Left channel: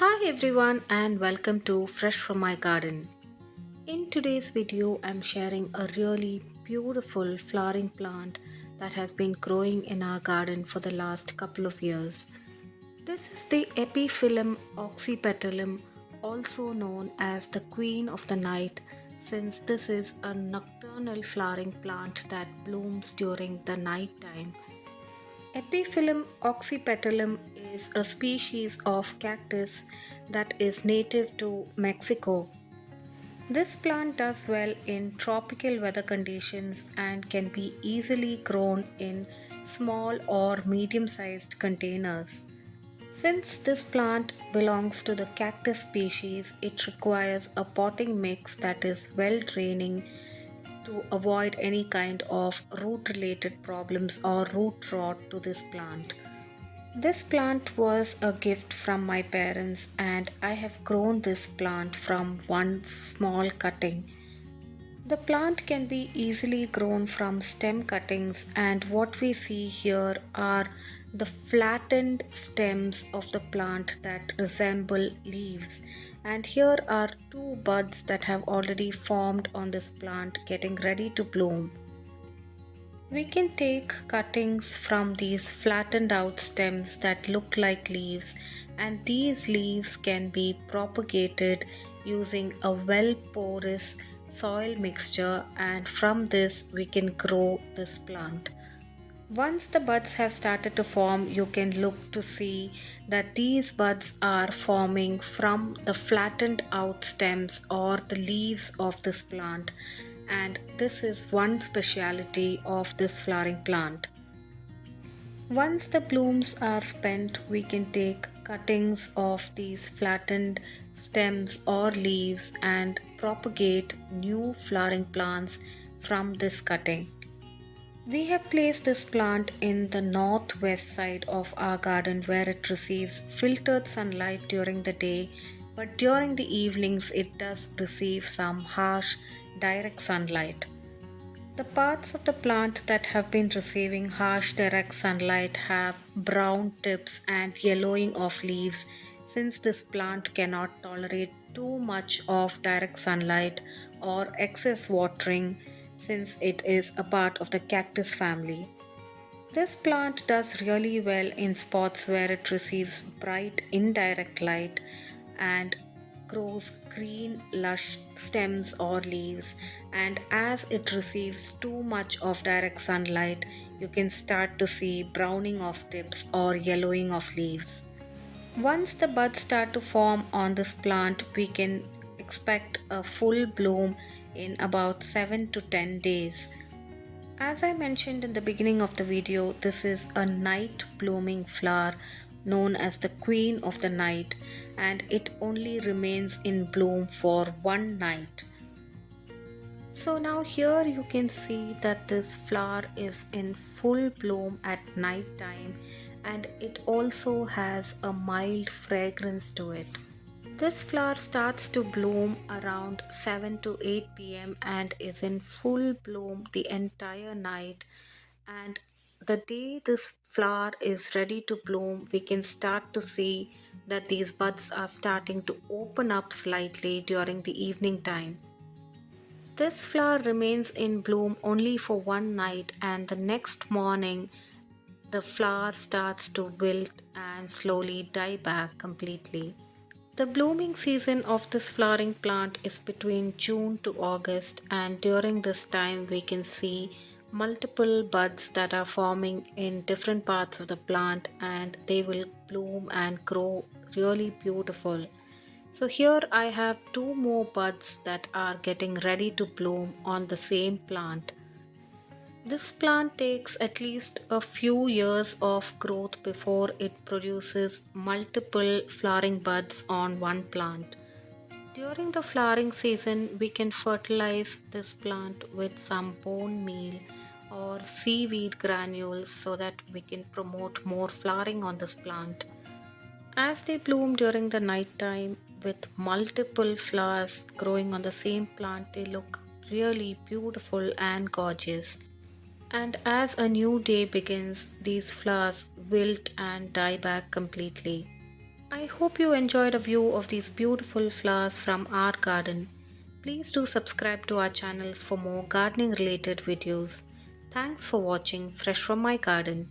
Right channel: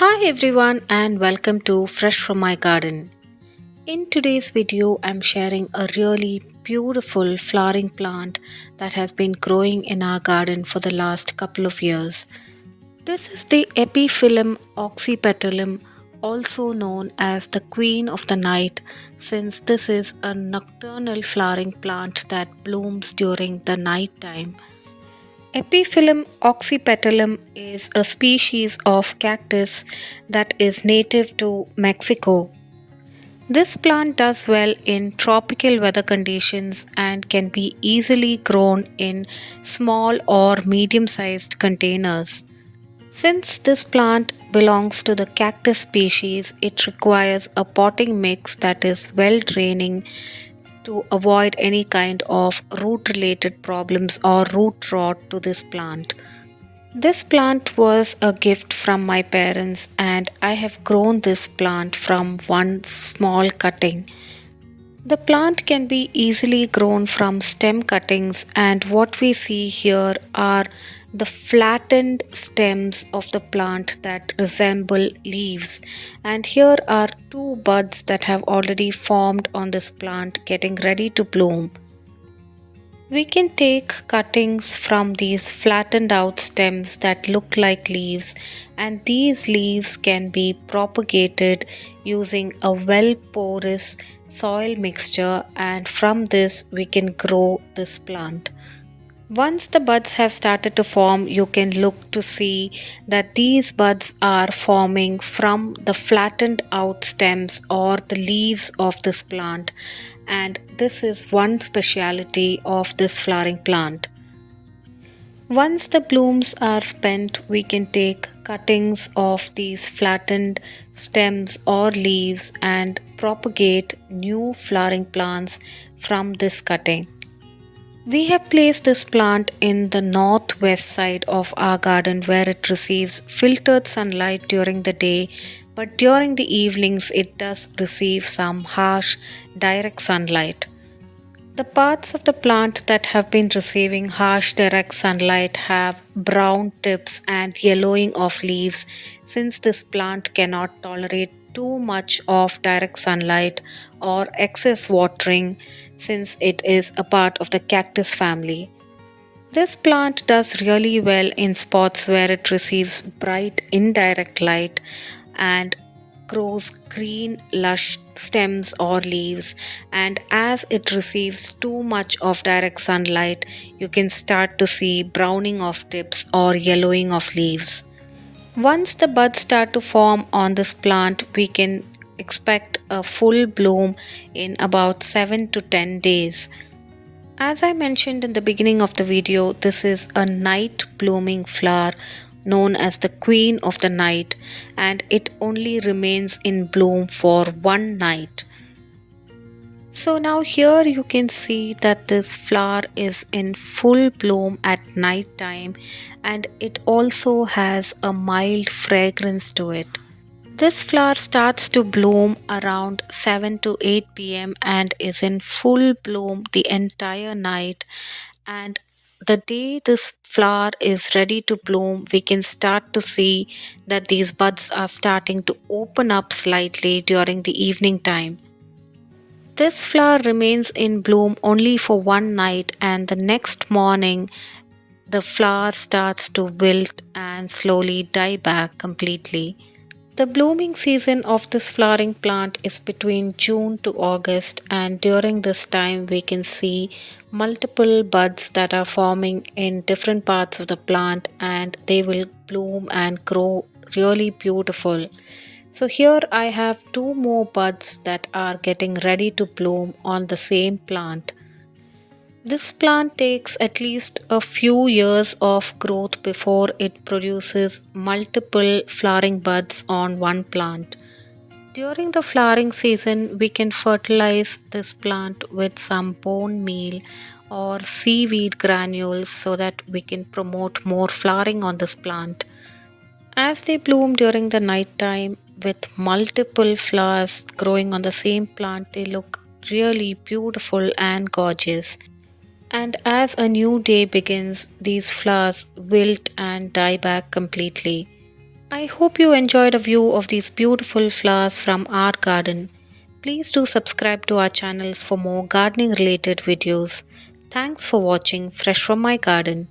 Hi everyone and welcome to Fresh from my garden. In today's video, I'm sharing a really beautiful flowering plant that has been growing in our garden for the last couple of years. This is the Epiphyllum Oxypetalum, also known as the Queen of the Night, since this is a nocturnal flowering plant that blooms during the night time. Epiphyllum oxypetalum is a species of cactus that is native to Mexico. This plant does well in tropical weather conditions and can be easily grown in small or medium sized containers. Since this plant belongs to the cactus species, it requires a potting mix that is well draining to avoid any kind of root related problems or root rot to this plant. This plant was a gift from my parents, and I have grown this plant from one small cutting. The plant can be easily grown from stem cuttings, and what we see here are the flattened stems of the plant that resemble leaves. And here are two buds that have already formed on this plant, getting ready to bloom. We can take cuttings from these flattened out stems that look like leaves, and these leaves can be propagated using a well porous soil mixture, and from this we can grow this plant. Once the buds have started to form, you can look to see that these buds are forming from the flattened out stems or the leaves of this plant, and this is one speciality of this flowering plant. Once the blooms are spent, we can take cuttings of these flattened stems or leaves and propagate new flowering plants from this cutting. We have placed this plant in the northwest side of our garden where it receives filtered sunlight during the day, but during the evenings it does receive some harsh direct sunlight. The parts of the plant that have been receiving harsh direct sunlight have brown tips and yellowing of leaves, since this plant cannot tolerate too much of direct sunlight or excess watering, since it is a part of the cactus family. This plant does really well in spots where it receives bright indirect light and grows green, lush stems or leaves. And as it receives too much of direct sunlight, you can start to see browning of tips or yellowing of leaves. Once the buds start to form on this plant, we can expect a full bloom in about 7 to 10 days. As I mentioned in the beginning of the video, this is a night blooming flower known as the Queen of the Night, and it only remains in bloom for one night. So now here you can see that this flower is in full bloom at night time, and it also has a mild fragrance to it. This flower starts to bloom around 7 to 8 p.m. and is in full bloom the entire night. And the day this flower is ready to bloom, we can start to see that these buds are starting to open up slightly during the evening time. This flower remains in bloom only for one night, and the next morning, the flower starts to wilt and slowly die back completely. The blooming season of this flowering plant is between June to August, and during this time, we can see multiple buds that are forming in different parts of the plant, and they will bloom and grow really beautiful. So, here I have two more buds that are getting ready to bloom on the same plant. This plant takes at least a few years of growth before it produces multiple flowering buds on one plant. During the flowering season, we can fertilize this plant with some bone meal or seaweed granules so that we can promote more flowering on this plant. As they bloom during the night time with multiple flowers growing on the same plant, they look really beautiful and gorgeous. And as a new day begins, these flowers wilt and die back completely. I hope you enjoyed a view of these beautiful flowers from our garden. Please do subscribe to our channels for more gardening related videos. Thanks for watching Fresh from my garden.